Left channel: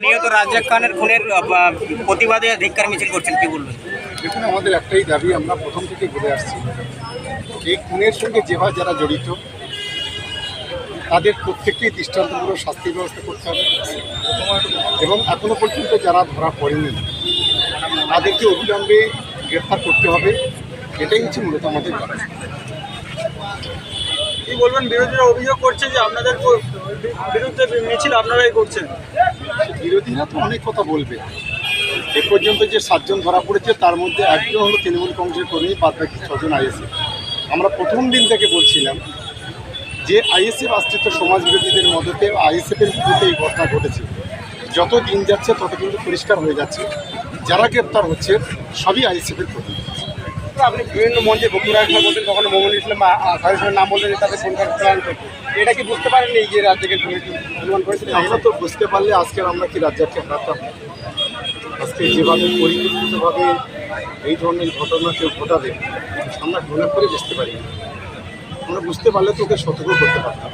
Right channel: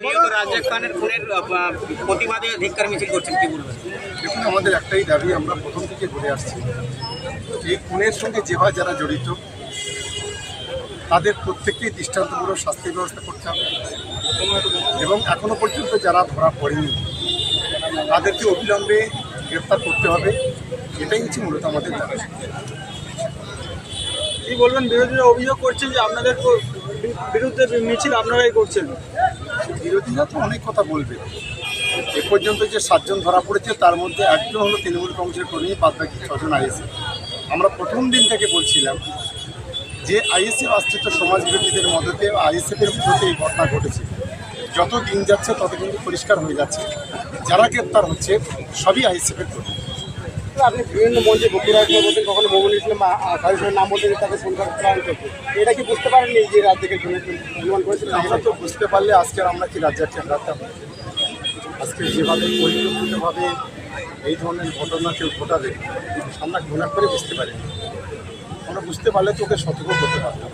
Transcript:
নিহত রাজ্জাক খানের খুনের প্রতিবাদে ধিক্কার মিছিল করছেন কি বলবেন? দেখুন আমাদের একটাই দাবি আমরা প্রথম থেকে বলে আসছি। এই খুনের সঙ্গে যেভাবে যারা জড়িত তাদের প্রত্যেককেই দৃষ্টান্তমূলক শাস্তির ব্যবস্থা করতে হবে। এবং এখনও পর্যন্ত যারা ধরা পড়েনি তাদেরকে অবিলম্বে গ্রেফতার করতে হবে। এটাই হচ্ছে মূলত আমাদের দাবি। কি বলবেন? বিরোধীরা অভিযোগ করছেন যে আপনাদের বিরুদ্ধে মিছিল আপনারাই করছেন। বিরোধীরা তো অনেক কথা বলবে। এ পর্যন্ত যে সাতজন ধরা পড়েছে, তার মধ্যে একজন হলো তৃণমূল কংগ্রেসের কর্মী, বাদ বাকি ছজন আইএসএফ আমরা প্রথম দিন থেকে বলছিলাম যে আইএসএফ অস্তিত্ব সমাজ বিরোধীদের মদতে আইএসএফের মধ্যে এই ঘটনা ঘটেছে। যত দিন যাচ্ছে, তত কিন্তু পরিষ্কার হয়ে যাচ্ছে। যারা গ্রেপ্তার হচ্ছে, সবই আইএসএফের প্রতি আপনি বিভিন্ন মঞ্চে বকুড়া একবার বলতেন কখনো মোহাম্মদ ইসলাম খালিদের নাম বললেন তাদের করার প্ল্যান করতে এটা কি বুঝতে পারেন এই যে রাজ্যকে অনুমান করেছিলেন আমরা তো বুঝতে পারলে আজকের আমরা কি রাজ্যকে হারাতাম আজকে যেভাবে পরিকল্পিতভাবে এই ধরনের ঘটনা কেউ ঘটাবে, আমরা ঘৃণা করে বুঝতে পারিনি। আমরা বুঝতে পারলে তো ওকে সতর্ক করতে পারতাম।